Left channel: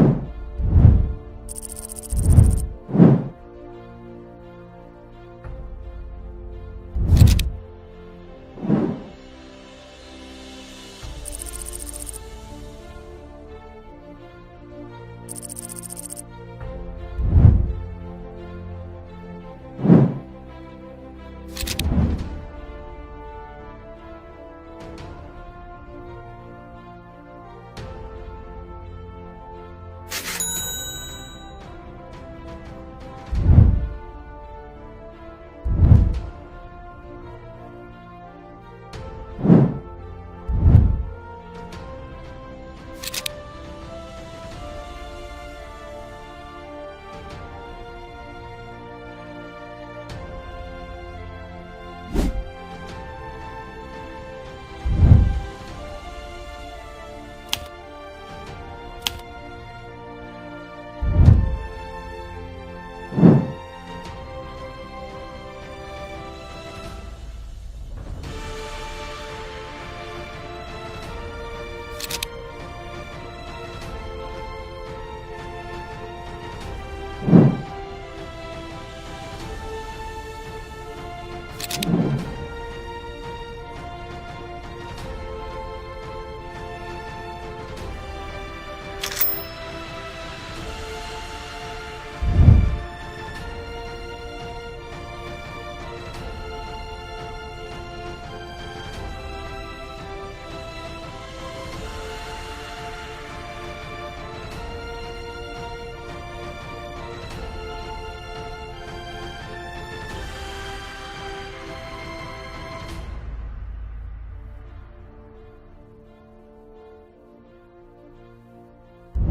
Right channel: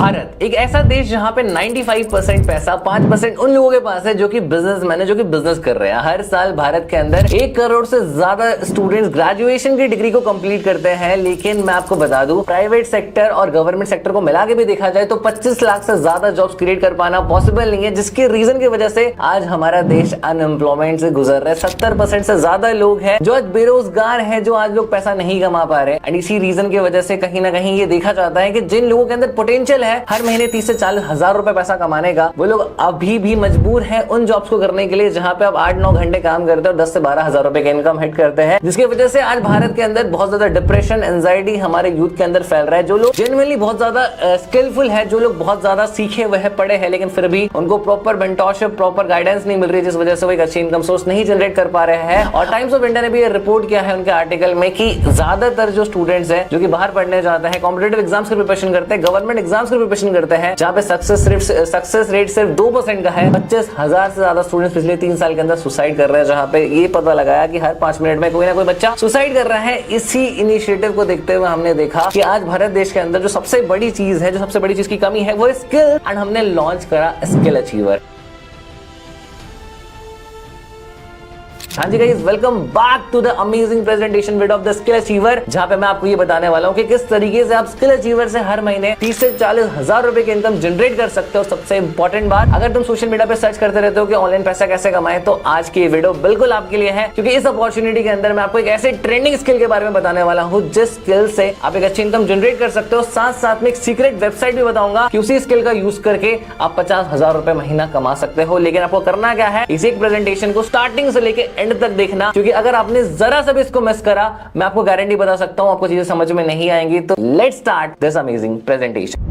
भारत एक ऐसा देश जहां पे 95% पैसा 5% उन लोगों के पास है जो कि बिजनेसमैन है, जो कि बिजनेस कर रहे हैं। हर साल भारत के अंदर 1 करोड़ से ज्यादा स्टूडेंट्स ग्रेजुएशन की डिग्री को कंप्लीट करते हैं। लेकिन मैं आपको बता दूं, प्राइवेट सेक्टर और गवर्नमेंट सेक्टर को मिला के भी देखा जाए तो 25 लाख से ज्यादा जॉब्स क्रिएट कर पाना पॉसिबल नहीं है, जिसके रीजन की वजह से आज हमारा देश अनएम्प्लॉयमेंट से गुजर रहा है। 70% से ज्यादा लोग हैं जो आज बेरोजगार हैं, जो आज लोग पैसा नहीं कमा पा रहे। एंड इसी रीजन की वजह से कहीं ना कहीं ये देखा जाता है कि जिन लोगों के अंदर पोटेंशियल है हर महीने 30 से 40 हजार रुपए पैसा कमाने का, वो लोग अभी भी मजबूर हैं उन जॉब्स को करने के लिए जहां पे आप 8-9 घंटे काम करते हैं और 10 से 12 हजार रुपए का इनकम हिट करते हैं, जिसकी वजह से आज भारत के अंदर बहुत ज्यादा डिप्रेशन, एंजाइटी हमारे यूथ के अंदर फैल रहा है। जो लोग जेन्युइनली बहुत ज्यादा स्किलफुल है, जो लोग बहुत ज्यादा सीखे हुए हैं, पढ़े हैं, लेकिन फिर भी उनको प्रॉपर मेंटरशिप, प्रॉपर गाइडेंस नहीं मिल रही, जिस वजह से वो एक अच्छी इनकम सोर्स नहीं जनरेट कर पा रहे हैं। और टाइम्स ऑफ इंडिया ने भी ये रिपोर्ट किया है उनके आर्टिकल में कि ज्यादातर जो स्टूडेंट्स हैं जो कि बाहर पढ़ने जाते हैं, कॉम्पिटिटिव एग्जाम्स की प्रिपरेशन करते हैं, गवर्नमेंट एग्जाम्स की प्रिपरेशन करते हैं, जहां पे सक्सेस रेट सिर्फ 2% का है। 25,000 से ज्यादा स्टूडेंट्स पिछले 3 साल के अंदर सुसाइड कर रहे हैं, जहां पे ये पता लगाया कि हर 5 मिनट में कोई ना कोई बच्चा सुसाइड कर रहा है। इसी इनिशिएटिव को देखते हुए हमने देखा कि आज भारत देश के अंदर जो सबसे बड़ी चीज है, जो सबसे बड़ी चीज की कमी है, वो स्किल। एंड हमने लॉन्च करा स्किल अचीवर। हाँ जी guys, welcome back to the amazing presentation video of the skill achiever, जहां पे मैं आपको ये बताने वाला हूं कि किस तरीके से आप स्किल अचीवर से हर महीने 30 से 40 हजार रुपए की इनकम जनरेट कर सकते हो। सबसे इंपॉर्टेंट बात, अगर तुम सोशल मीडिया पे सर्च करते रहते हो कि ऑनलाइन पैसा कैसे कमाएं, तो आज की वीडियो बिल्कुल आपके लिए है, क्योंकि इस अपॉर्चुनिटी के अंदर मैं आपको एक ऐसे ट्रेंडिंग स्किल के बारे में बताने वाला हूं जिस स्किल से आप एक अच्छी इनकम जनरेट कर सकते हो। साथ साथ में एक सीक्रेट वेबसाइट भी बताऊंगा कि उसी स्किल का यूज करके आप 50,000 रुपए महीना कमा सकते हो। लेकिन आपको करना क्या है, इसी प्रेजेंटेशन को स्टार्टिंग से लेकर एंड तक देखना, क्योंकि अगर आपने जरा सा भी इसको मिस करा, मैं आपको गारंटी बता सकता हूं आपको चीजें समझ में नहीं आएंगी। तो let's start this amazing presentation.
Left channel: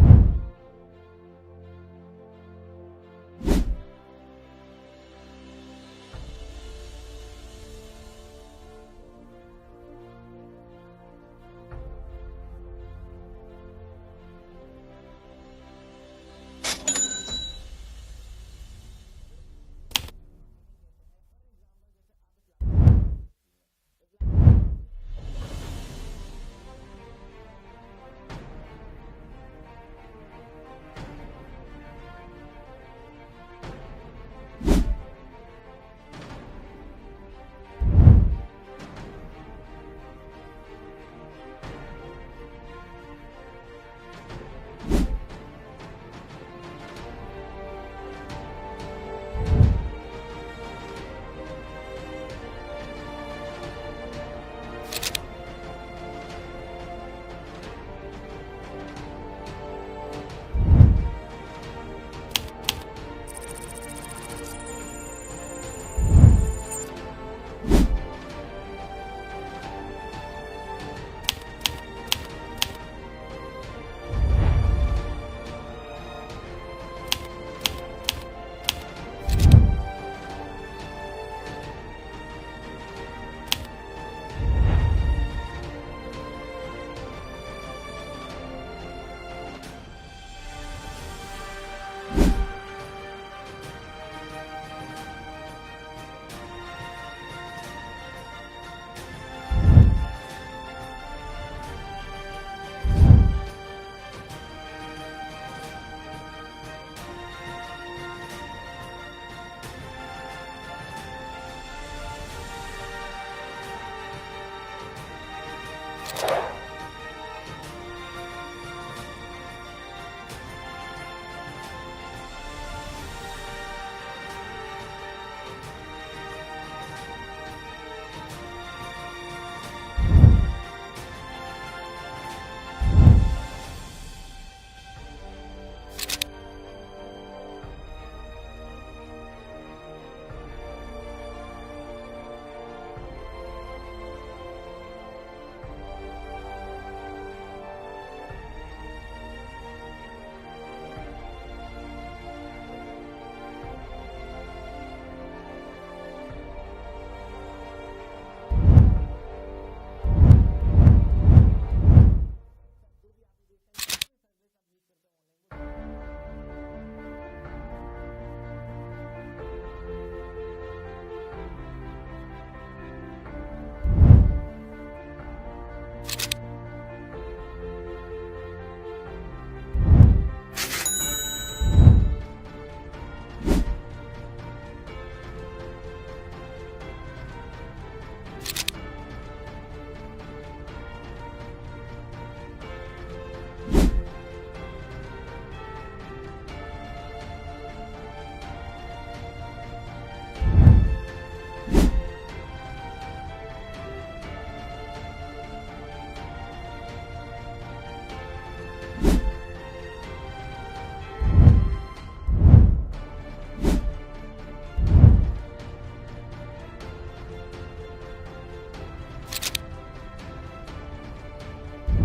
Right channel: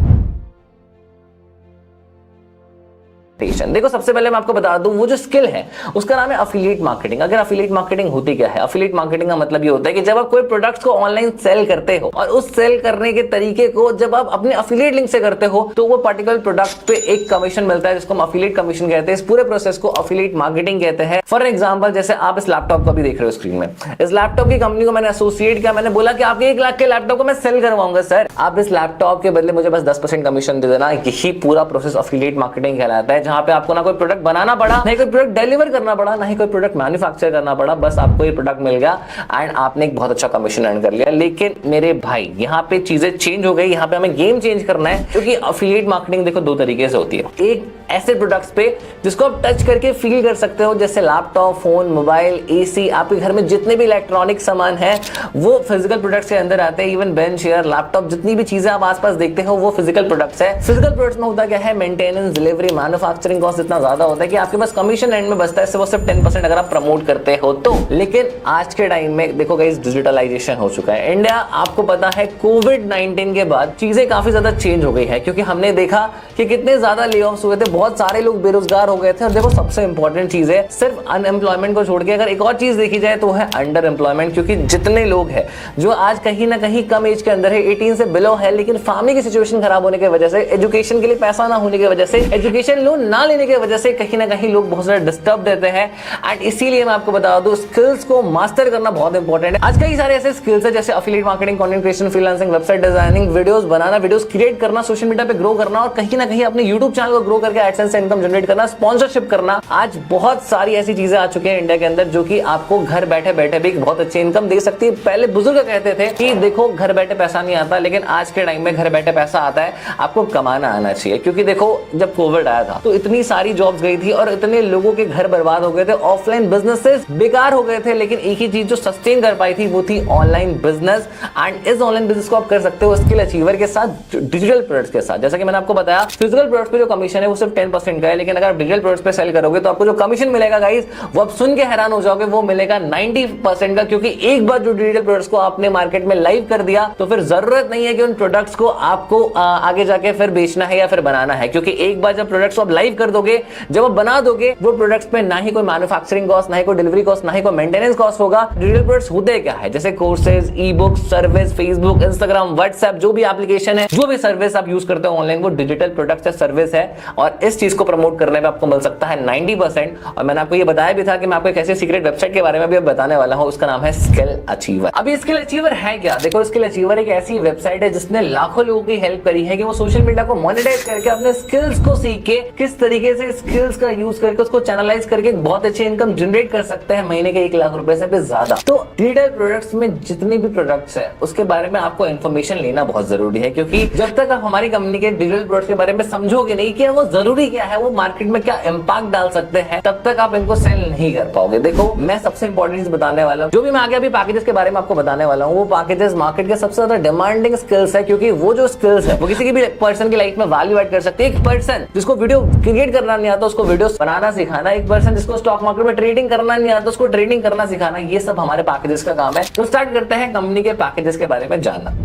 देखो, सबसे पहले मैं आपको बता दूं, वो जो स्किल है उसका नाम है अफिलिएट मार्केटिंग। अगर अफिलिएट मार्केटिंग होती क्या है, अफिलिएट मार्केटिंग का मतलब ये होता है कि जब आप कोई प्रोडक्ट्स को ऑनलाइन सेल करते हो और उस सेल करने के तरीके को जब आप अपने अफिलिएट लिंक से करते हो, तो वो पर्टिकुलर प्रोडक्ट पे एक कमीशन मिलता है, जिसको हम अफिलिएट कमीशन कहते हैं। इस पूरे प्रोसेस को अफिलिएट मार्केटिंग कहते हैं। फॉर एग्जाम्पल, जैसे आप इस लैपटॉप को भी देख रहे हो स्क्रीन में, इस लैपटॉप की कंपनी को मैंने एसोसिएट किया, मैंने बोला कि आपके 1 लाख के लैपटॉप को मैं सेल करवाऊंगा सर, आप इस लैपटॉप के बदले मुझे बस 10% कमीशन दे देना। यही पूरा प्रोसेस अफिलिएट मार्केटिंग कहलाता है, जहां पे आपको ना कोई प्रोडक्ट बनाना पड़ा, नहीं कोई प्रोडक्ट डिलीवर करना पड़ा, नहीं कोई प्रोडक्ट मैन्युफैक्चर करना पड़ा, बस आपको ये प्रोडक्ट मिल गया एंड आपने एक बहुत अच्छा कमीशन अर्न कर लिया। लेकिन मेरे भाई, यहाँ पे चीजें चेंज हो गई, यहाँ पे हमें गेम चेंज करना है, क्योंकि अफिलिएट मार्केटिंग देखो 2 तरीके से होती है। एक ऐसे प्रोडक्ट्स पे जिसको आप टच करके फील कर सकते हो, जैसे लैपटॉप, फोन, मोबाइल, एसी, आपके घर में जितने भी इलेक्ट्रॉनिक सामान है वो फिजिकल प्रोडक्ट्स के अंदर आते हैं। इवन बेंच, चेयर, लैपटॉप, जितनी भी चीजें आप आसपास देखते हो वो फिजिकल प्रोडक्ट्स है। फिजिकल प्रोडक्ट्स में होता क्या है, मेंटेनेंस, डिलीवरी, मैन्युफैक्चरिंग कॉस्ट इतना ज्यादा होता है कि आपके पास कमीशन एंड में बचता है वो सिर्फ 10% अगर आप प्रमोट करते हो तो। लेकिन आज के टाइम में देखो गाइस, डिजिटलाइजेशन हो चुका है इंडिया। आपको पता है कोविड-19 के बाद चीजें काफी ज्यादा चेंज हो गई है, क्योंकि हमने देखा कि कितने ज्यादा ले ऑफ्स हुए थे, बहुत सारे लोग बेरोजगार हो गए थे। और देखो, सबसे इंपॉर्टेंट चीज है, सिर्फ अनएम्प्लॉयमेंट को छोड़ के अगर एक और चीज देखी जाए तो है अंडर एम्प्लॉयमेंट। क्योंकि जितने लोग हैं जो आज कहीं ना कहीं कम एज के अंदर है, 18 से बिलो है, लेकिन फैमिली की सिचुएशन खराब होने की वजह से, एजुकेशन के लिए पैसा ना होने की वजह से, एजुकेशन लोन ना लेने की वजह से कहीं ना कहीं लोग बहुत ज्यादा डिस्टर्ब देते हैं। एंड इसीलिए मैं आपको बता दूं, स्किल्स को मास्टर करना बहुत इंपॉर्टेंट है। आज कई सारे ऐसे स्किल्स है, जैसे affiliate marketing, content creation, freelancing, website designing, videos बनाना, वीडियोस क्रिएट करना, सोशल मीडिया पे ग्रो करना, और कहीं ना कहीं अपने यूट्यूब चैनल को ग्रो करके एडसेंस से इनकम जनरेट करना, स्पॉन्सरशिप करना। आज बहुत सारी ऐसी चीजें आ चुकी हैं इंडिया के अंदर जो कि आपको घर बैठे बैठे भी बहुत अच्छी इनकम दे सकती है। पहले बुजुर्ग कहते थे कि देखो, घर बैठे पैसा नहीं आता, लेकिन आज के टाइम में घर बैठे पैसा आता है, आपको कमाना आना चाहिए। क्योंकि देखो, जब कोविड आया था तो इतनी सारी जॉब्स गई थी और इतने लोगों के घर बर्बाद हो गए थे, ऑफलाइन बिजनेसेस बेकार हो गए थे, लेकिन एक ही चीज जो सस्टेन कर पाई थी वो थी ऑनलाइन बिजनेस। एंड इस ऑनलाइन बिजनेस को आप कर सकते हो स्किल अचीवर के साथ, डिजिटल प्रोडक्ट्स के साथ। जैसा कि मैंने आपको बताया, फिजिकल प्रोडक्ट्स पे जो कमीशन है वो सिर्फ 10% का है, लेकिन अगर आप डिजिटल प्रोडक्ट्स पे सेल करोगे तो आपको जो कमीशन मिलेगा गाइस, वो आप सुन के हैरान हो जाओगे, वो मिलेगा 90% का। क्योंकि एक बार जो डिजिटल प्रोडक्ट्स को आपने मार्केट में लाइव कर दिया तो फिर जरूरत नहीं है कि उन प्रोडक्ट्स को आपको आगे जाके फिर बेचना है या फिर बनाना है, क्योंकि एक बार जब प्रोडक्ट्स को आप लाइव कर दोगे, जब आप बना दोगे वो प्रोडक्ट्स पे ना ही कोई मैन्युफैक्चरिंग कॉस्ट, ना ही कोई डिलीवरी कॉस्ट, ना ही कोई मेंटेनेंस कॉस्ट होगा। डिजिटल प्रोडक्ट्स होते क्या है, जैसे कोर्सेज, ई book, service, Facebook, Instagram, WhatsApp, जो भी एप्लीकेशन है, जो भी सर्विस आप यूज करते हो ऑनलाइन, वो डिजिटल प्रोडक्ट्स या सर्विस है। और इस चीज को प्रमोट करने में आपको मिल सकता है 90%। और मैंने आपको ये बताया भी था कि मैं आपको एक ऐसे सीक्रेट वेबसाइट के बारे में भी बताने वाला हूं, उसका नाम है स्किल अचीवर। अब ये स्किल अचीवर है क्या? देखो, स्किल अचीवर एक ऐसी वेबसाइट है जिसने लाखों लोगों की हेल्प करी है कि वो सोशल मीडिया को मोनेटाइज करके अपने स्किल्स को सीख के किस तरीके से स्किल्स का यूज करके उसको चैनलाइज करके बहुत अच्छी इनकम जनरेट कर सकते हैं, महीने के 1 लाख रुपए से भी ज्यादा। तो डिजिटल प्रोडक्ट्स में जितने भी प्रोडक्ट्स है उसके बारे में आपको इन्फॉर्मेशन लेना बहुत जरूरी है, क्योंकि जब तक आप हमारी कंपनी के डिजिटल प्रोडक्ट्स के बारे में समझोगे नहीं कि वो जरूरी क्या है, वो मार्केट में क्या इंपैक्ट डाल सकते हैं, तब तक आप इनको सेल नहीं कर पाओगे। देखो, मैं सबसे इंपॉर्टेंट चीज बताने वाला हूं, जो भी मैं आगे अभी पैकेजेस के बारे में आपको बताने वाला हूं, वो पैकेजेस मार्केट के सबसे ज्यादा डिमांडिंग स्किल्स है, क्योंकि वो जो स्किल्स है वो किसी भी पर्सन की लाइफ में वैल्यू ऐड कर सकती है। एक पर्सन जिसको वीडियो क्रिएट करना नहीं आता उसको वीडियो बनाना सिखाना, एक पर्सन जिसको स्टॉक मार्केट में ट्रेडिंग करना नहीं आता उसको ट्रेडिंग करना सिखाना, ये सब हमारे पैकेजेस का काम है। तो स्टार्ट करते हैं कंपनी के पैकेजेस के बारे में जानना।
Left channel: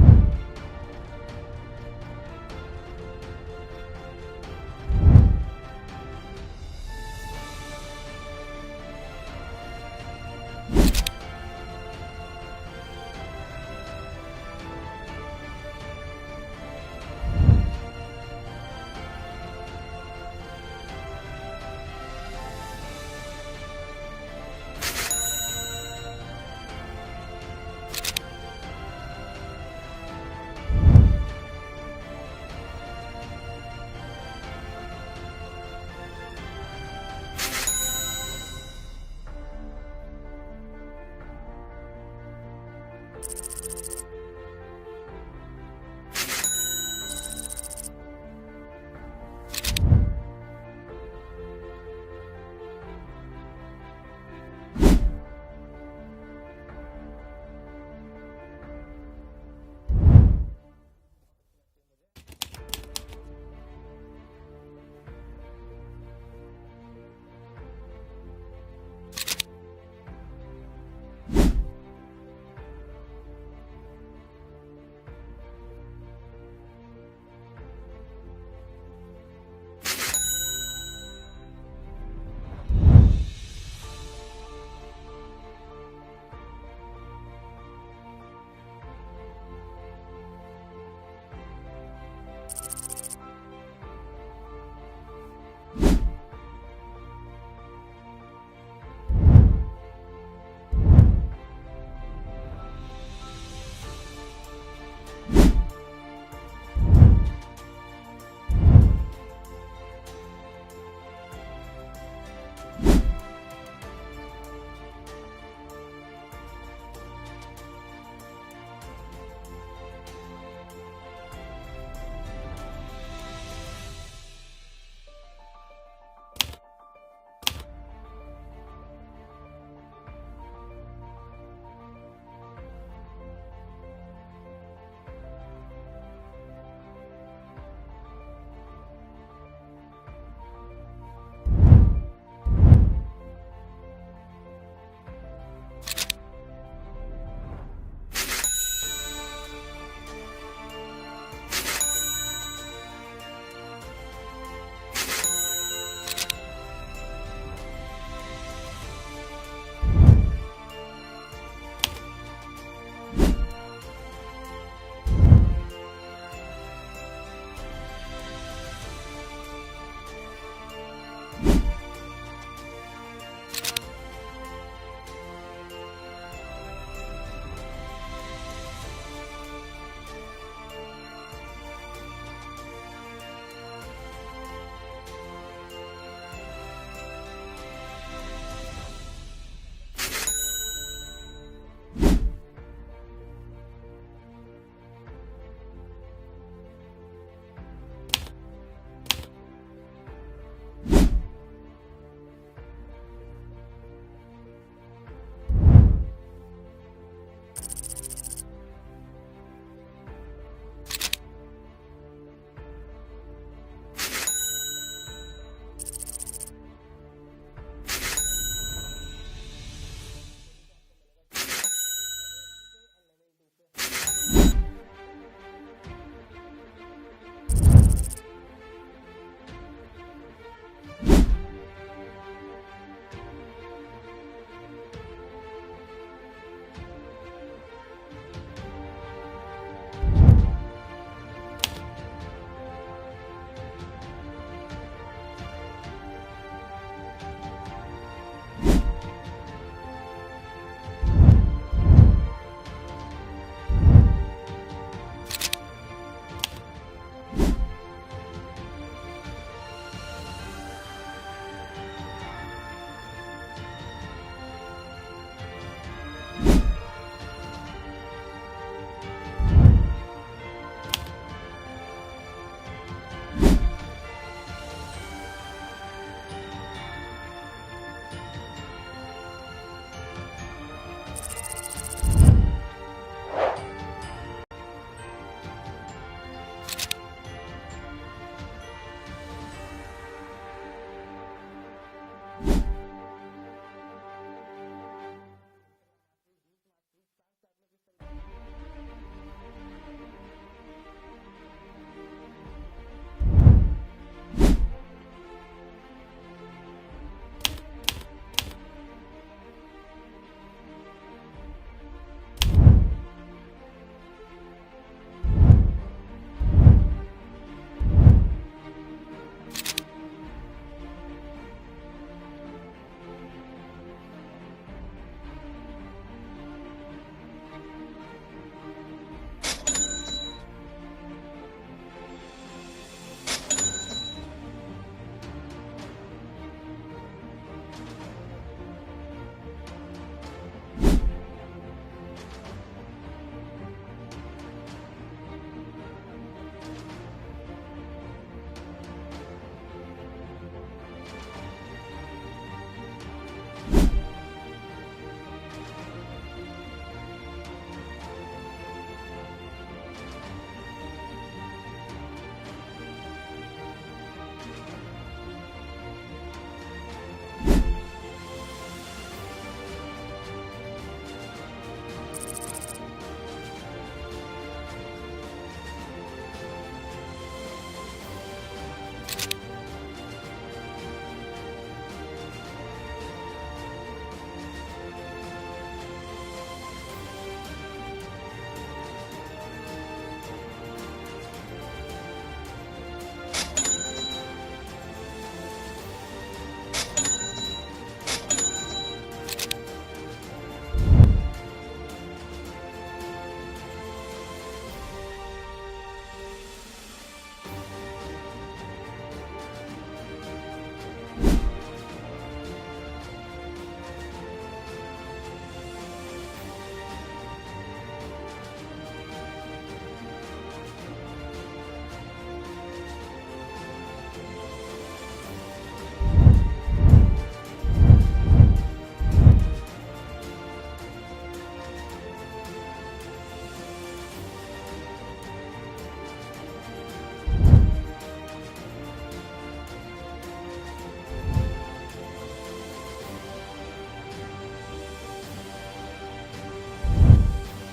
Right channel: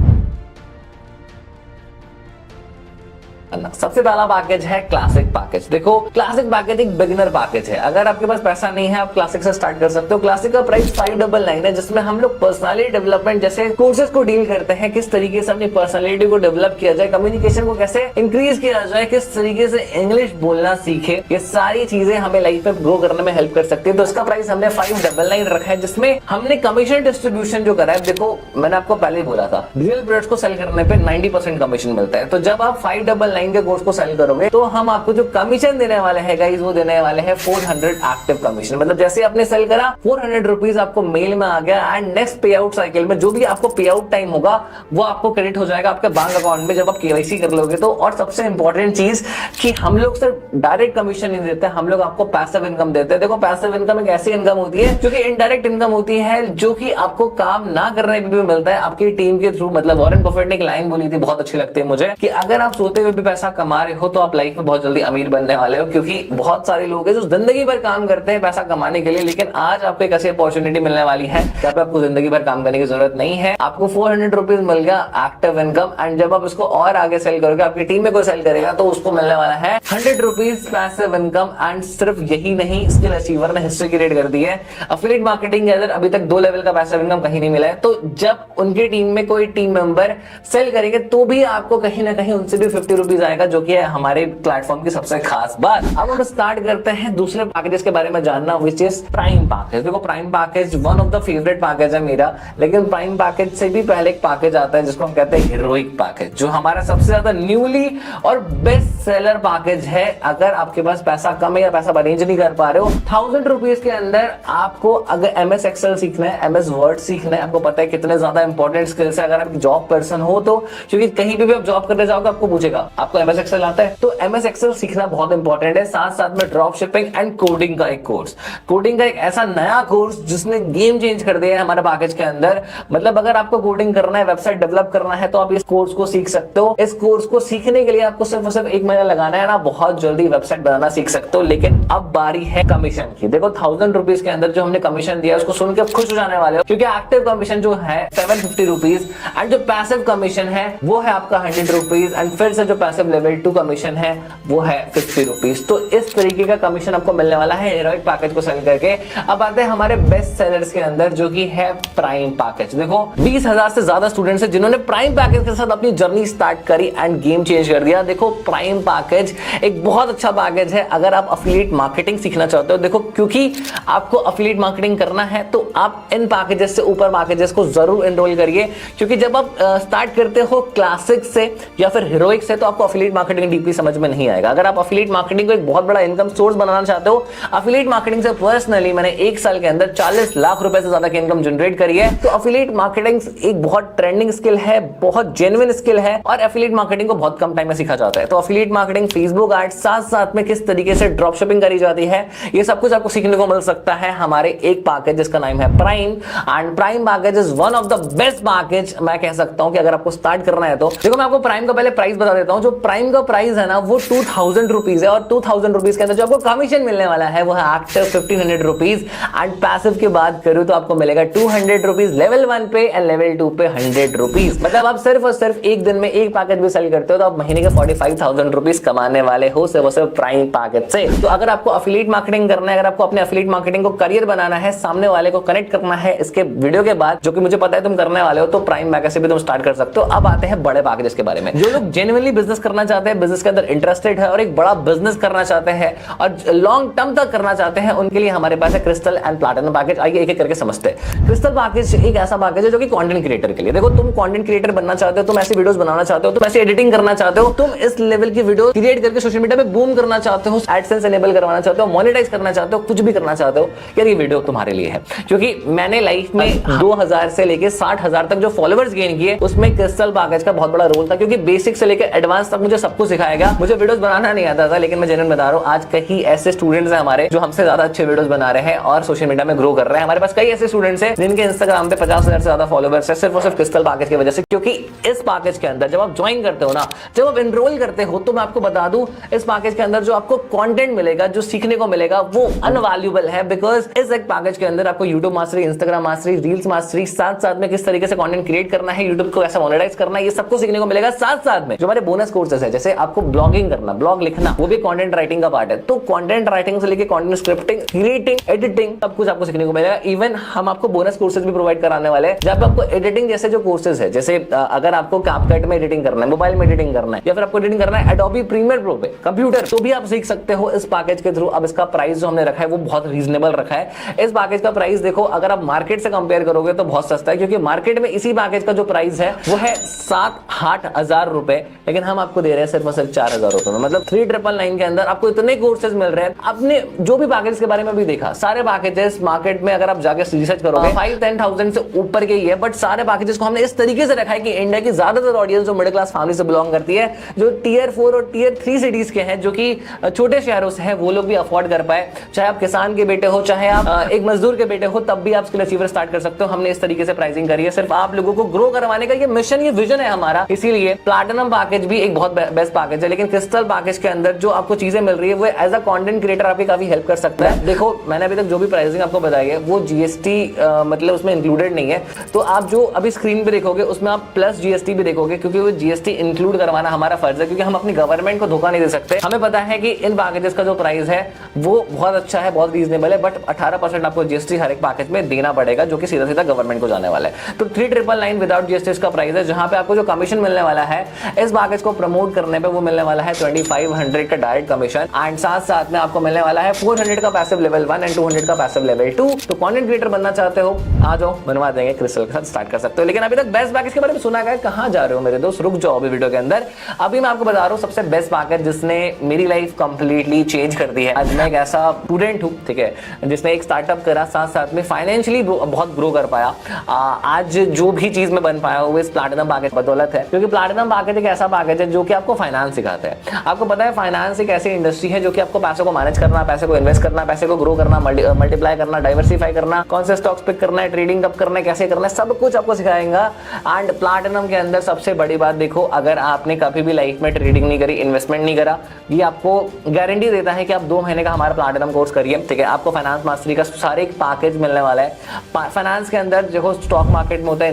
सबसे पहला पैकेज है क्लासिक पैकेज। देखो, क्लासिक पैकेज एक बिगिनर पैकेज है। अगर आपके पास पैसा नहीं है, आप क्लासिक से स्टार्ट कर सकते हो। क्लासिक का प्राइस 599 है, जिसमें हम लोग पर्सनालिटी डेवलपमेंट जैसे कोर्सेज को डील करते हैं, किस तरीके से अपनी पर्सनालिटी को डेवलप किया जाए, कम्युनिकेशन को कैसे इंक्रीज किया जाए, किस तरीके से इंग्लिश बोलना सीखे, ये सारी चीजें हमें लाइफ में ग्रो करने में हेल्प कर सकती है। तो इसका प्राइस हमने 599 रखा है, जिसमें हमने कमीशन डिस्ट्रीब्यूशन जो करा है। देखो, मैंने आपको पहले ही बोला था, डिजिटल प्रोडक्ट्स को सेल करने पे 90% कमीशन मिलता है। तो जब आप 599 के कोर्स को सेल करोगे तो हम आपको जो कमीशन देने वाले हैं गाइस, वो देने वाले हैं 400 एक्टिव कमीशन। मतलब जैसे आपने सेल करा, 400 रुपीज आपको मेल में आ गया, एंड नेक्स्ट पे आउट साइकिल में जो भी आपको पे आउट टाइम होगा वो आपको क्रेडिट हो जाएगा आपके बैंक अकाउंट में, जब आप केवाईसी कर लोगे तो। और सबसे इंपॉर्टेंट चीज कि हम लोग सिर्फ डायरेक्ट कमीशन नहीं देते, हम लोग आपको पैसिव इनकम देते हैं। देखो, पैसिव इनकम एक ऐसी इनकम होती है जो कि इनडायरेक्ट इनकम होती है, जो कि आपको काम ना करने पे भी मिलता है आपकी टीम के थ्रू। मतलब वॉरेन बफेट ने एक लाइन बोली थी, बहुत अच्छी लगती है मुझे, कि अगर आप सोते हुए भी पैसा कमा रहे हो तो आप लाइफ में बहुत जल्दी अमीर बनने वाले हो। क्योंकि बहुत सारे लोग हैं जो जिंदगी भर काम करते हैं पैसा कमाने के लिए, लेकिन आज आपको एक ऐसी अपॉर्चुनिटी मिलने वाली है जहाँ पे आपको जिंदगी भर काम करने की जरूरत नहीं है। आपको 400 रुपीज मिल गया एक्टिव इनकम, एंड जब आप इसको और आगे सेल करोगे, आपकी टीम में कोई सेल करेगा तो उसको मिलने वाला है 100 रुपीज पैसिव इनकम। एंड सिर्फ यही नहीं, स्किल अचीवर ने हिस्ट्री क्रिएट कर दी है। एफिलिएट मार्केटिंग के अंदर अभी तक 2 लेवल का पैसिव इनकम कहीं नहीं मिला है। तो जब उनकी टीम में कोई टीम मेंबर सेल करेंगे तो भी आपको कहीं ना कहीं उनसे भी 50 रुपीज आएगा, जो कि है हमारे प्लेटफॉर्म की सबसे खास बात। अब हम स्टार्ट करते हैं दूसरे पैकेजेस के बारे में जानना, विच इज प्राइम पैकेज। देखो, prime package one of the favourite package है मेरा, लेकिन प्राइम पैकेज से भी पहले एक पैकेज आता है जिसको हम कहते हैं हीरोइक पैकेज, जो हमारा सबसे ज्यादा न्यूली और बेस्ट सेलर पैकेज है। अगर आपके पास पैसा कम है या पैसा अरेंज नहीं कर पा रहे हो, 1000 रुपीज के अंदर आपको अगर MS एक्सेल सीखना है, MS वर्ड सीखना है, आपको पता है कितने ज्यादा इंपॉर्टेंट स्किल्स है अगर आप जॉब पर्सन हो तो, क्योंकि कहीं भी आप जॉब करने जाओगे आपको पूछेगा आपको MS एक्सेल आता है, तो MS एक्सेल सीखना बहुत इंपॉर्टेंट है। साथ साथ में ड्रॉप शिपिंग एंड कोडिंग का एक कोर्स, कोडिंग का एक ऐसा नया कोर्स जिसने गेम चेंज कर दिया है हमारे पैकेज के अंदर। मतलब अगर आपको कोडिंग करना है, वेबसाइट डेवलप करना है, तो आप इस कोर्स को सीख सकते हो। इस कोर्स को सीखने के लिए आपको सिर्फ और सिर्फ 1 महीना लगाना है ना, बहुत जल्दी वेबसाइट बनाना सीख सकते हो। लेकिन अब बारी है कमीशन की। देखो, 1000 रुपीज के अंदर जो हमने कमीशन दिया उसको सुन के खुश हो जाने वाले हो, क्योंकि एक्टिव कमीशन जो है 750 रुपीज, एंड जो पैसिव कमीशन है वो है आपका 100 रुपीज, एंड फिर से जो पैसिव लेवल 2 कमीशन है वो है 50 रुपीज। तो इस तरीके का कमीशन आपको मिलने वाला है हीरोइक पैकेज को सेल करके। अब आते हैं हमारे बेस्ट सेलर्स के अंदर, जो कि है प्राइम पैकेज। देखो, 20,000 से ज्यादा स्टूडेंट्स हैं जिन्होंने प्राइम पैकेज के साथ अपनी जर्नी स्टार्ट करी एंड गेम चेंज कर दिया। देखो, प्राइम पैकेज एक बहुत अच्छा पैकेज है अगर आप एफिलिएट मार्केटिंग सीखना चाहते हो। देखो, क्योंकि आपको एफिलिएट मार्केटिंग करना है तो आप इन पैकेजेस से ऊपर पैकेजेस को जरूर एनरोल करिए, क्योंकि जब आप स्टार्ट करते हो क्लासिक से या फिर हीरोइक से तो आपको एफिलिएट मार्केटिंग डीपली समझ में नहीं आएगा। अगर आप एफिलिएट मार्केटिंग को एक बहुत बड़ा इनकम सोर्स बनाना चाहते हो, एफिलिएट मार्केटिंग से पर्सनली मैंने 1 साल के अंदर 40 लाख रुपए से ज्यादा की इनकम जनरेट करी है। तो एफिलिएट मार्केटिंग एक बहुत ट्रेंडिंग स्किल है, बहुत जेन्युइन स्किल है, और एफिलिएट मार्केटिंग को बहुत कम टाइम में सीखा जाता है। तो एफिलिएट मार्केटिंग, फेसबुक एड्स, साथ साथ में किस तरीके से ड्रॉप शिपिंग करी जाती है, ये सब कुछ आपको सीखने को मिल सकता है हमारे एक पैकेज जिसका नाम है prime. And prime package is one of the best package मैं कह सकता हूं कि अगर आपको स्टार्ट करना है तो। देखो, मैं आपको प्राइम का पहले प्राइस बता देता हूं। जो प्राइम का प्राइस है ना वो 2000 रुपीज है, और 2000 रुपीज के अंदर जो आपको कमीशन मिलने वाला है वो है एक्टिव 1500 रुपीज, एंड पैसिव की बात करूं तो आपको मिलेगा 200 रुपीज लेवल 1 पे एंड लेवल 2 पे 100 रुपीज। मतलब आप सिर्फ और सिर्फ एक दिन में एक पैकेज भी सेल करते हो तो आप महीने के 45,000 रुपीज कमाने वाले हो सिर्फ और सिर्फ प्राइम पैकेज से। तो अगर आपको एफिलिएट मार्केटिंग करना है, अगर आपको अपने एफिलिएट मार्केटिंग को करियर बनाना है, सामने वाले को कनेक्ट करना है इसके वीडियो के बाद, जो कि मुझे पता है तुम करने वाले हो, तो प्राइम पैकेज से भी तुम स्टार्ट कर सकते हो। अब आते हैं बड़े पैकेजेस के बारे में। जो लोग जेन्युइनली बिजनेस करना चाहते हैं, बिजनेस के अंदर इंटरेस्टेड है और एक बड़ा बिजनेस करना चाहते हैं और लॉन्ग टर्म तक करना चाहते हैं, उनके लिए हमारे पास है क्रिस्टल एंड प्लैटिनम पैकेज। आइए एक एक करके समझते हैं। क्रिस्टल पैकेज एक ऐसा पैकेज है जो कि कंटेंट क्रिएटर के लिए, देखो तुम कंटेंट क्रिएटर बनना चाहते हो, तुम ऐसी वीडियोस बनाना चाहते हो, तुम ऐसी एडिटिंग करना चाहते हो, तुम इस लेवल की वीडियो क्रिएट करके सोशल मीडिया पे बूम करना चाहते हो, एडसेंस एनेबल करवाना चाहते हो, मोनेटाइज करना चाहते हो, कुछ भी करना चाहते हो, यार ये वीडियो तुम्हारे लिए है। क्योंकि मैंने लाइफ में 2000 से लेके 60,000 तक जो फॉलोअर्स गेन किए उसमें क्रिस्टल पैकेज का बहुत बड़ा रोल था, क्योंकि बेसिक से लेकर एडवांस तक मुझे सब कुछ सिखाया गया। मुझे वीडियोस बनाना नहीं आता था, लेकिन मैं जेन्युइन बता रहा हूं, आज कई ऐसे स्टूडेंट्स हैं हमारे जो हमसे ज्यादा अच्छे वीडियोस बना रहे हैं और सोशल मीडिया में ग्रो कर रहे हैं। हमारे पास कई ऐसे स्टूडेंट्स हैं जिनके इंस्टाग्राम पे 50,000 से ज्यादा फॉलोअर्स है सिर्फ और सिर्फ क्रिस्टल पैकेज की वजह से। क्योंकि इस पैकेज के अंदर जब आप ज्वाइन करते हो ना, जब आप एनरोल करते हो, तो मैं आपको बता दूं इस पैकेज के अंदर जो आपको कंटेंट मिलेगा, जो सीखने को मिलेगा वो अनवैल्यूएबल है। बिकॉज इस एक पैकेज के अंदर आपको YouTube mastery, Instagram mastery, reels mastery, साथ साथ में किस तरीके से कंटेंट क्रिएट करना है, यूट्यूब को कैसे मोनेटाइज करना है, ये सबको सीखने को मिलेगा। साथ साथ में जो हमारे बोनस कोर्सेज है, जैसे आपको ब्लॉगिंग करना, ब्लॉग लिखना, वो भी कंटेंट राइटिंग का पार्ट है। तो कंटेंट राइटिंग से लेके कंटेंट स्क्रिप्टिंग, क्रिएटिंग, एडिटिंग, सब कुछ आपको सीखने को मिलेगा। इवन हम आपको बोनस कोर्सेज भी प्रोवाइड कराने वाले हैं, जब आपको एडिटिंग जैसे जो कोर्सेज है, जैसे अगर आपको कैपकट में एडिटिंग करना है, मोबाइल में एडिटिंग करना है, या फिर आपको एडिटिंग करना है एडोबी प्रीमियर प्रो पे कंप्यूटर, तो भी आप सीख सकते हो इस पैकेज के थ्रू। अब इसका प्राइस जो हमने रखा है वो बहुत रीजनेबल रखा है। इस पैकेज का प्राइस देखो, अगर आप मार्केट से कंपेयर करोगे तो बहुत सस्ता है, क्योंकि मार्केट में इसी पैकेज का जो प्राइस है वो है 7-8 हजार रुपए, लेकिन हम आपको दे रहे हैं सिर्फ और सिर्फ 4,000 रुपए में। मतलब 3,999 के अंदर आपको इतने कोर्सेज मिल रहे हैं। आपने जो भी पैकेज के बारे में भी देखा, सारे पैकेजेस मार्केट में अगर आप जाके रिसर्च करोगे 5-10,000 से ऊपर के ही है, बट सारे पैकेजेस को हमने इस तरीके से रखा है कि इंडिया की ज्यादातर ऑडियंस जो मिडिल क्लास फैमिली से बिलोंग करती है, जो टियर 4 और टियर 3 सिटीज के हैं, जो कि छोटे शहरों से हैं, वो लोग भी अफोर्ड कर पाए। चाहे आप किसान के बेटे हो, चाहे आप एक मजदूर के बेटे हो, तब भी आप स्किल अचीवर स्टार्ट कर सकते हो। हमने इस तरीके से प्राइसिंग करी है, सिर्फ आप लोगों को ग्रो करवाने का ये मिशन, ये विजन है हमारा। इसीलिए प्लैटिनम पैकेज भी एक बहुत बेस्ट पैकेज है, लेकिन क्रिस्टल पैकेज के अंदर जो आपको चीजें मिल रही है वो एज अ कंटेंट क्रिएटर आपकी काफी हेल्प कर सकता है। देखो मैंने अभी तक जो भी प्राइसिंग आपको बताई है वो जीएसटी मतलब उसमें इंक्लूडेड नहीं है, तो आप जो अभी स्क्रीन पे देखोगे उसमें आप प्लस जीएसटी भी देखोगे, क्योंकि वो जीएसटी इंक्लूड करवाना हमारा फर्ज है, क्योंकि हम अपनी गवर्नमेंट को धोखा नहीं दे सकते। हमें पता है कि इन पैकेजेस का जो प्राइस है वो बहुत अच्छा है, बहुत रीजनेबल है, बट 18% आपको जीएसटी हर एक पैकेज में देना पड़ेगा, जो कि सीधा सीधा गवर्नमेंट को जाने वाला है। तो 3,999 विदाउट जीएसटी इसका प्राइस है, जहां पे आपको जो कमीशन मिलने वाला है इस पैकेज को प्रमोट करने पे वो मिलने वाला है 2500 का डायरेक्ट कमीशन, एंड साथ साथ में आपको मिलने वाला है 400 का पैसिव लेवल 1 एंड 200 का पैसिव लेवल 2। तो कंटेंट क्रिएटर बनना चाहते हो, आ जाओ, बनवा देंगे, क्रिस्टल के साथ स्टार्ट कर सकते हो। लेकिन अभी तक बेस्ट पैकेज के बारे में सुना है, कहां जा रहे हो मेरे दोस्त, रुक जाओ अभी वीडियो के अंदर। अभी मैं आपको बता रहा हूं सबसे बेस्ट पैकेज जिसने मेरी लाइफ कंप्लीटली चेंज कर दी है। आज मैं एक ऐसा स्टूडेंट हूं, ठीक है, जिसने एक स्टार्टअप करा, साथ साथ में फाइनेंशियली बहुत ग्रो कर पाया। आज जो भी चीज में बन पाया वो इस प्लैटिनम पैकेज बदौलत है, क्योंकि प्लैटिनम पैकेज एक ऐसा पैकेज है जो कि आपको फाइनेंस सिखाता है। आपको पता है फाइनेंस एक ऐसी इंडस्ट्री है जो कि आपको पैसे को मैनेज करना, पैसे को इन्वेस्ट करना, पैसे को ग्रो करना, मल्टीप्लाई करना, डाइवर्सिफाई करना, कौन से स्टॉक्स पिक करना है, ट्रेडिंग कब करना है, कैसे करना है, सब कुछ आपको सिखाएगा। एंड प्लैटिनम के अंदर सबसे बड़ी बात देखो, अगर आपने कभी भी लाइफ में ट्रेडिंग नहीं करी, इन्वेस्टमेंट नहीं करा, ये आपको गारंटी देता है कि आप 2 महीने का हमारा प्लैटिनम कोर्स करिए, ठीक है, आपको फाइनेंस मास्टरी का सारे एक पैकेज मिलने वाला है। फाइनेंस के अंदर देखो स्टॉक मार्केट में होता है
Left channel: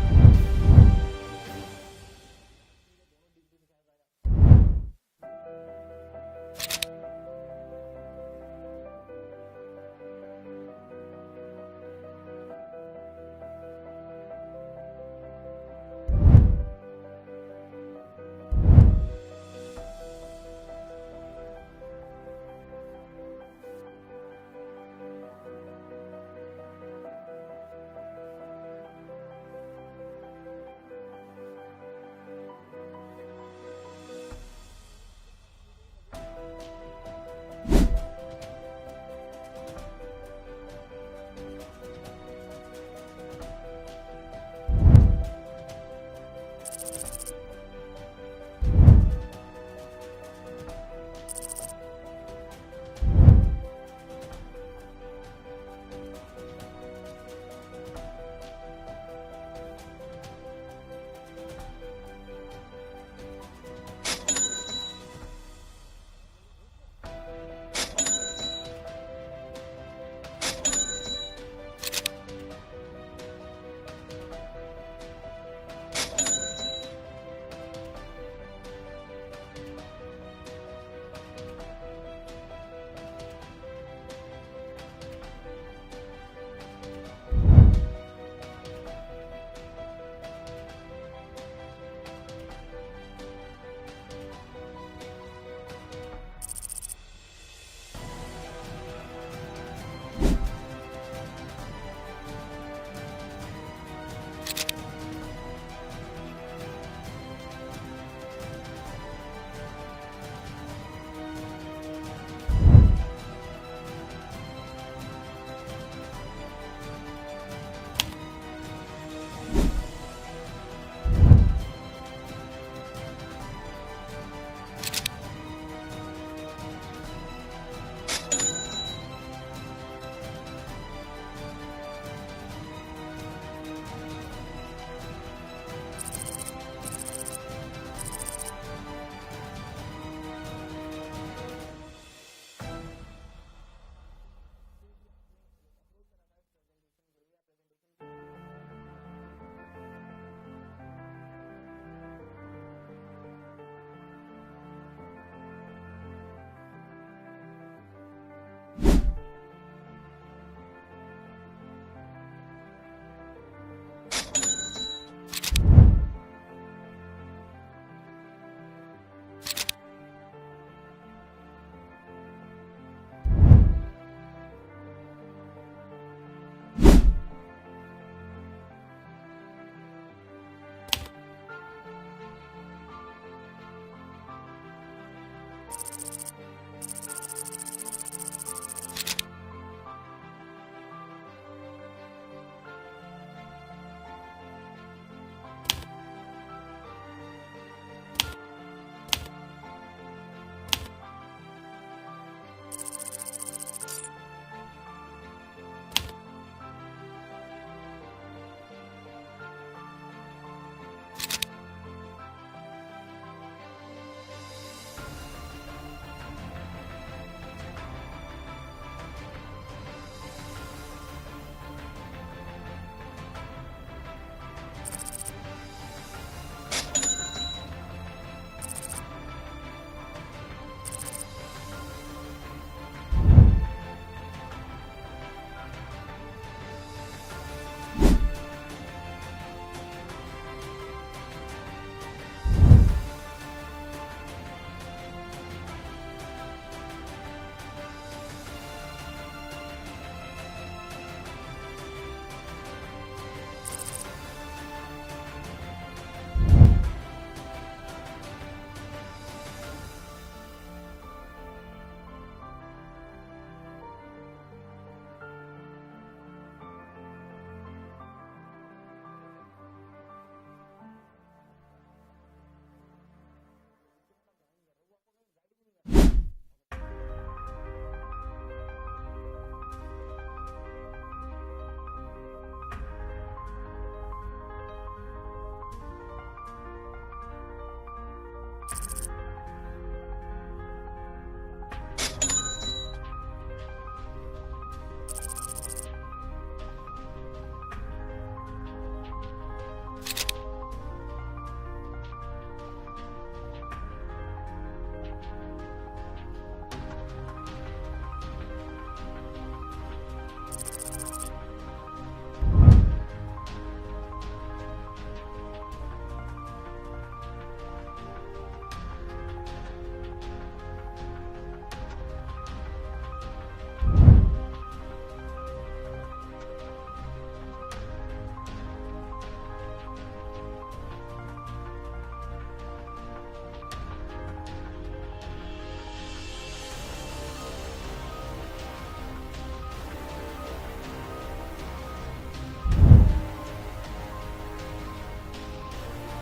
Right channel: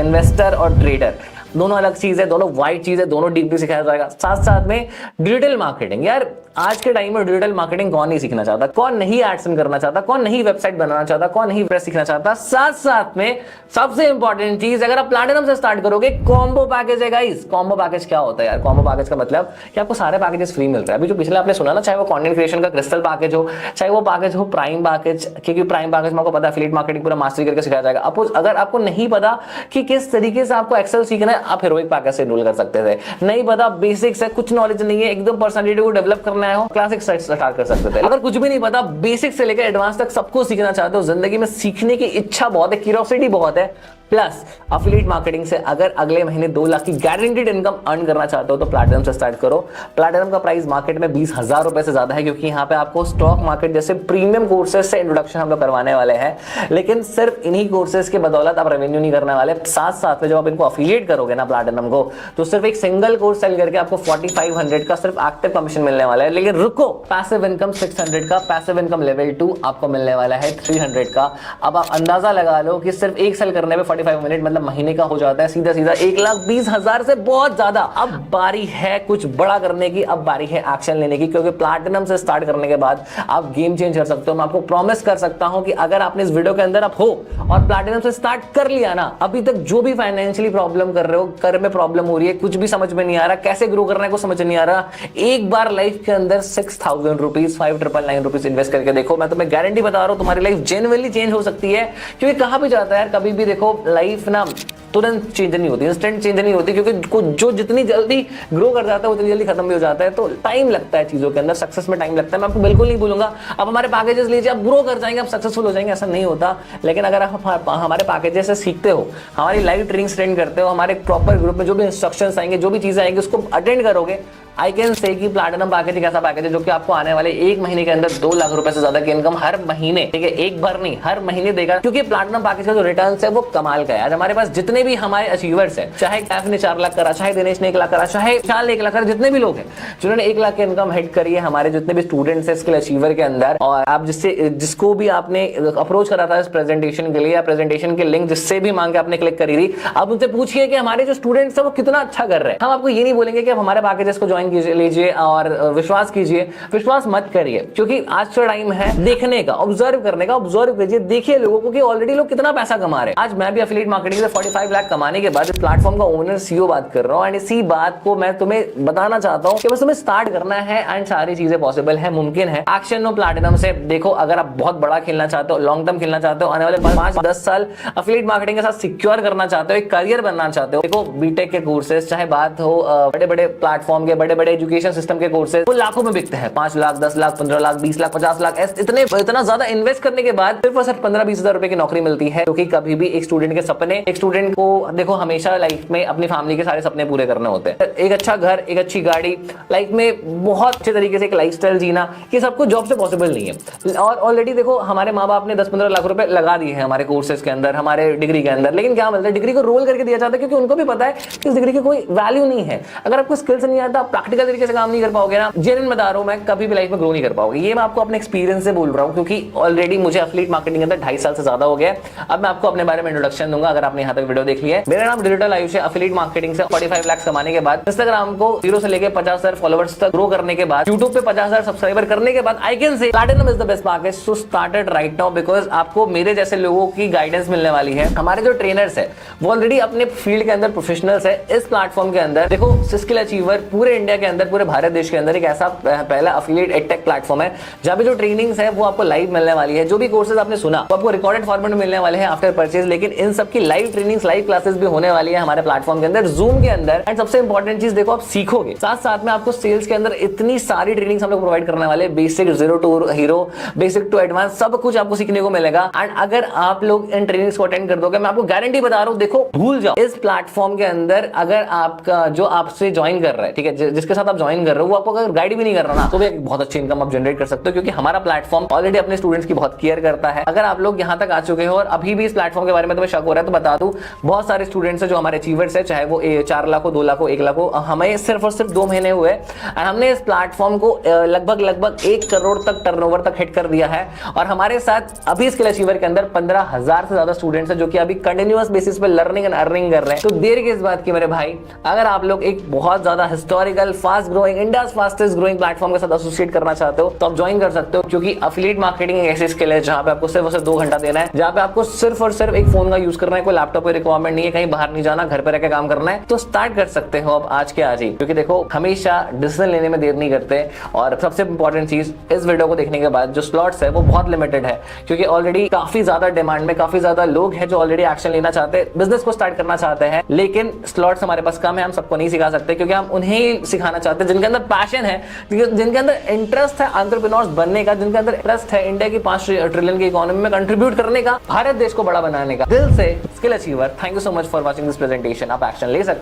इन्वेस्टर और ट्रेडर, दोनों अलग चीज है, दोनों वाइड चीज है, दोनों डीपली सिखाया जाएगा। साथ साथ में डिजिटल मार्केटिंग, यार आज के टाइम में डिजिटल मार्केटिंग कौन नहीं सीखना चाहता, कौन नहीं एड्स करना चाहता, कौन नहीं वेबसाइट बनाना चाहता, कौन नहीं प्रेस सीखना चाहता। साथ साथ में सबसे इंपॉर्टेंट चीज, अगर आप प्लैटिनम से स्टार्ट करोगे, कॉम्बो पैकेज है गाइस। कॉम्बो पैकेज क्या होता है यार? कॉम्बो पैकेज का मतलब कि आपको सारे पैकेजेस फ्री मिल रहे हैं। अभी जो पिछले आपने सुना ना, चाहे वो कंटेंट क्रिएशन का क्रिस्टल पैकेज हो, चाहे वो पैकेज हो प्राइम पैकेज, क्योंकि प्राइम पैकेज में आपको पता है एफिलिएट मार्केटिंग पूरा मास्टरी करके सिखाया जाएगा। अगर आपको नहीं पता कि किस तरीके से आपको एक्सेल सीखना है, आप हीरोइक पैकेज से एनरोल कर सकते थे। नहीं पता, बेसिक्स है, कुछ नॉलेज नहीं है, एकदम पर्सनालिटी को डेवलप करना है, क्लासिक स्टार्ट कर सकते थे। अगर कुछ भी नहीं पता, बेसिक से लेकर एडवांस तक सबको सीखना चाहते हो, जिंदगी में सीखने की इच्छा बहुत है, क्यूरियोसिटी बहुत है, प्लस अफिलिएट मार्केटिंग से अगर अगले महीने 2 लाख की गारंटीड इनकम अर्न करना चाहते हो तो प्लैटिनम से स्टार्ट करो। प्लैटिनम का प्राइस मार्केट में 20,000 रुपए से ज्यादा है, क्योंकि यहाँ पे आपको स्टॉक मार्केट जैसे प्रीमियम कोर्सेज से इंट्रोडक्शन हम लोग करवाने वाले हैं। लेकिन सिर्फ इन्हीं कोर्सेज के बदौलत आप रेवेन्यू नहीं करने वाले, साथ साथ में जब आप इनको अफिलिएट करोगे ना प्लैटिनम को, तो सिर्फ एक सिंगल कोर्स सेल करके आपको 4500 का सिर्फ एक्टिव कमीशन मिलने वाला है। लेकिन रुको, पैसिव इनकम 600 का, पैसिव इनकम लेवल 2 आपको मिलने वाला है 300 का। अब आप अंदाजा लगा लो कि सिर्फ एक सेल करने में 45 मिनट मतलब महीने का हो जाता है सीधा सीधा 1,20,000 से बहुत ज्यादा। अब बारी है कुछ बड़ा करने की, अब बारी है एक्शन लेने की, क्योंकि प्लैटिनम से स्टार्ट करने के बाद आप गेम चेंज कर सकते हो। मैं आपको प्रॉमिस कर सकता हूं कि अगर आपने इस वीडियो के अंदर आप हो और प्लैटिनम से स्टार्ट कर लिया ना, अभी तक जो भी फाइनेंशियली प्रॉब्लम कर रहे हो, कर में प्रॉब्लम हो रही है, कुछ भी समझ में नहीं आ रहा, कैसे ग्रो करना है को समझ नहीं आ रहा, एक बार लाइफ के अंदर 6,000 रुपीज 5,999 रुपीज इन्वेस्ट करके देखो। मैं तुम्हें गारंटी बता रहा हूं तुम्हारी लाइफ जेन्युइनली चेंज हो सकती है। क्योंकि कहां भी जाता है यार, कभी भी देखो लाइफ ना तुरंत चेंज नहीं होती, इंस्टेंट चेंज नहीं होती, क्योंकि जो जितनी जल्दी ग्रो कर जाता है उतनी जल्दी खत्म भी हो जाता है। तो टाइम लगता है चीजों के अंदर, सक्सेस में टाइम लगता है। मैं आपको बिल्कुल नहीं बोलूंगा अब हमारे पैकेजेस लीजिए आप ग्रो कर जाएंगे, आप सक्सेसफुल हो जाएंगे, ऐसा नहीं होता। लेकिन अगर आप हमारे पैकेजेस से सीखते हो, हमारी लाइव ट्रेनिंग अटेंड करते हो, हमारे प्रॉपर ग्रुप में जो भी इंस्ट्रक्शंस आएंगे, जो भी चीजें आएंगी उसको अटेंड करोगे, आई कैन से कि प्लैटिनम पैकेज एक ऐसा पैकेज है जो कि आपको आने वाले 1 महीने के अंदर 2 लाख रुपए से ज्यादा की इनकम हर महीने, ठीक है, एक बार नहीं हर महीने देगा। क्योंकि प्लैटिनम पैकेज का जो रिटर्न है वो कमाल का है। आज हमारे पास जितने भी हमारे अचीवर्स हैं, चाहे कैफ ने 4 लाख करा, चाहे दिनेश ने 1 लाख करा, चाहे विशाल ने 1 लाख करा, जितने भी लोग हैं जिन्होंने 1 लाख की इनकम हिट करी है, हमारे जितने भी स्टूडेंट्स है स्किल अचीवर के अंदर, और आप जिसको भी आपने अप्रोच करा था इस प्रेजेंटेशन के लिए, या प्रेजेंटेशन के लिंक जिससे भी मांग के आपने क्लिक करी थी, आप उनसे पूछिए कि हमारे जो स्टूडेंट्स है वो कितना अच्छा कर रहे हैं। हम आपको ये नहीं बोलेंगे कि आप हमारे पैकेजेस को ज्वाइन कीजिए और विश्वास कीजिए, विश्वास मत करिए, क्योंकि आज का टाइम है देखने का, ऑब्जर्व करने का। ऑब्जर्व कीजिए, देखिए लोगों को कि ऑलरेडी लोग कितना पैसा कमा रहे हैं। आज मैं भी एफिलिएट मार्केटिंग से 45 लाख कमाने के बाद प्लेटफॉर्म का ओनर सीईओ बात कर रहा हूं, एंड इसी बात को मैं तुम्हें बताना चाहता हूं कि बस तुम्हें स्टार्ट करना है एंड सारी चीजें पॉसिबल है, मुमकिन है। एक्शन नो प्लैटिनम से देखो, अगर आप बहुत बड़ा खेलना चाहते हो, लॉन्ग टर्म खेलना चाहते हो, आने वाले 5-10 साल एफिलिएट मार्केटिंग के साथ सिक्योर करना चाहते हो, एक करियर बनना चाहते हो, देखो बीटेक के कोर्सेज, चाहे बात हो बड़े बड़े प्लेटफॉर्म के, बड़े बड़े एजुकेशन सिस्टम के कोर्सेज, वो लाखों में बिकते हैं। 5 लाख 10 लाख 15 लाख 20 लाख 50 लाख इतना ज्यादा इन्वेस्ट करने के बाद सिर्फ और सिर्फ 15-20 हजार रुपए की नौकरी मिलती है। क्योंकि कभी भी एक स्टूडेंट के सपने, एक स्टूडेंट को देखो हमेशा लाइफ में अपनी फैमिली के सारे सपने पूरे करने होते हैं। एक अच्छा घर, एक अच्छी गाड़ी, लाइफ में बहुत अच्छे तरीके से एक लाइफस्टाइल जीना, ये सब कुछ जॉब से पॉसिबल नहीं है। और ऑलरेडी देखो हमारे माँ बाप ने 10-15 लाख रुपए लगा दिए हैं हमारे कोर्सेज के अंदर, हमारे डिग्री के अंदर, लेकिन क्या मिलता है, डिग्री को रोल करके दिया जाता है, क्योंकि उनको भी पता है कि इस डिग्री की कोई वैल्यू नहीं है। अगर आपको स्किल्स नहीं आता, प्रैक्टिकल तरीके से काम नहीं कर पाओगे ना, जेन्युइन बता रहा हूं मैं, कभी भी लाइफ में ग्रो नहीं कर पाओगे। ये मैं आपको अपने एक्सपीरियंस से बोल रहा हूं, क्योंकि ऑलरेडी मुझे एफिलिएट मार्केटिंग के अंदर 2.5 साल से ज्यादा हो गया है। अब मैं आपको अपने बारे में इंट्रोडक्शन दूंगा, अगर आपने यहां तक वीडियो देख लिया है। मेरा नाम डिजिटल आयुष है। एफिलिएट मार्केटिंग से 45 लाख कमाने के बाद, इंस्टाग्राम को 0 से लेकर 50,000 फॉलोअर्स तक ग्रो करने के बाद, यूट्यूब पे 50,000 सब्सक्राइबर करने के बाद, I can say platinum is the best package, so start it right now, because आपको मेरे जैसे लोगों की गाइडेंस मिलने वाली है। हमारे जो ट्रेनर्स है वो ऑलरेडी अपने फील्ड के अंदर प्रोफेशनल्स है। इस प्लेटफॉर्म के अंदर देखो, स्किल अचीवर पूरे इंडिया के अंदर, पूरे भारत देश के अंदर एक ऐसा पहला एफिलिएट एडटेक प्लेटफॉर्म है जहां पे जो ट्रेनिंग्स है वो आपको लाइव मिलने वाली है। जो भी कोर्सेज आपने सुना वो आपको रिकॉर्डेड फॉर्मेट में मिलने वाले हैं आफ्टर परचेज, लेकिन इन सब की लाइव ट्रेनिंग्स, लाइव क्लासेस भी होने वाली है हमारे प्लेटफॉर्म के अंदर, जूम के अंदर। एंड सबसे इंपॉर्टेंट चीज देखो, आप सीखोगे, साथ साथ में आपको सेल्स के अंदर इतनी सारी ट्रेनिंग्स हम लोग प्रोवाइड करने वाले, basic, zero to hero, basic to advance, सब कुछ आपको सीखने को मिलेगा। एंड अगर आप लोग इन ट्रेनिंग्स को अटेंड कर दोगे, मैं आपको गारंटी बता रहा हूं, देखो भूल जाओ इस प्लेटफॉर्म के अंदर, अगर आपका जो आपसे ज्वाइन कर रहा है, ठीक है, जिसके साथ आप ज्वाइन कर रहे हो, वो आपको अगर गाइड भी नहीं कर रहा ना, तो भी एक बहुत अच्छी इनकम आप जनरेट कर सकते हो, क्योंकि हमारा प्लेटफॉर्म ऑलरेडी अपने स्टूडेंट्स की बहुत केयर करता है। अगर आप लोग यहां तक आ चुके हो और अभी भी इस प्लेटफॉर्म के बारे में तुम्हें शक हो रहा है, तो बता दूं, बहुत सारे स्टूडेंट्स हैं जो हमारे अचीवर्स है, चाहे वो 4 लाख हो, 2 लाख हो, 1 लाख हो, हमें सिर्फ और सिर्फ 2 महीने हुए एंड हमने इस प्लेटफॉर्म को लगभग 1 करोड़ तक टर्नओवर तक हिट कर दिया है। और हमारे साथ अभी स्किल अचीवर के अंदर 15,000 से ज्यादा स्टूडेंट्स हैं जो कि अभी कंटिन्यूअस बेसिस पे लर्निंग एंड अर्निंग कर रहे हैं। तो देर किस बात की मेरे भाई, अगर आप लोग एक बहुत ज्यादा historical, fast growing, India's fastest growing platform के साथ एसोसिएट करना चाहते हो, तो आप ज्वाइन कर सकते हो, क्योंकि एफिलिएट मार्केटिंग एक ऐसी स्किल है जहां पे आपको सिर्फ और सिर्फ 2 घंटा देना है, जहां पे आपको सिर्फ और सिर्फ एक फोन का यूज करना है, कोई लैपटॉप की रिक्वायरमेंट नहीं है, कहीं बाहर नहीं जाना, घर पे रह के काम करना है। तो स्टार्ट कर सकते हो अब आज के आज ही, क्योंकि देखो हमेशा डिसीजन लेने में देर नहीं करते। और सबसे इंपॉर्टेंट चीज, इस वीडियो को देखने के बाद जो स्लॉट्स है वो बहुत लिमिटेड है, क्योंकि ऑलरेडी काफी ज्यादा डिमांड में काफी ज्यादा लोग हैं जो ऑलरेडी एक्शन लेना चाहते हैं, बिजनेस को स्टार्ट करना चाहते हैं, लेकिन स्लॉट्स हमारे पास कम है, हम सबको नहीं सिखा सकते, क्योंकि हम उन्हें सिखा दिखाना चाहते हैं, जिनके अंदर पैशन है, जिनके अंदर इंटरेस्ट है एंटरप्रेन्योर्स बनने का, जिनके अंदर इंटरेस्ट है इंडिया की 5 ट्रिलियन की इकोनॉमी में कंट्रीब्यूट करने का, भारत देश को बड़ा बनाने का, दिल से skill achiever, thank you so much for watching this presentation. आप एक्शन ले सकते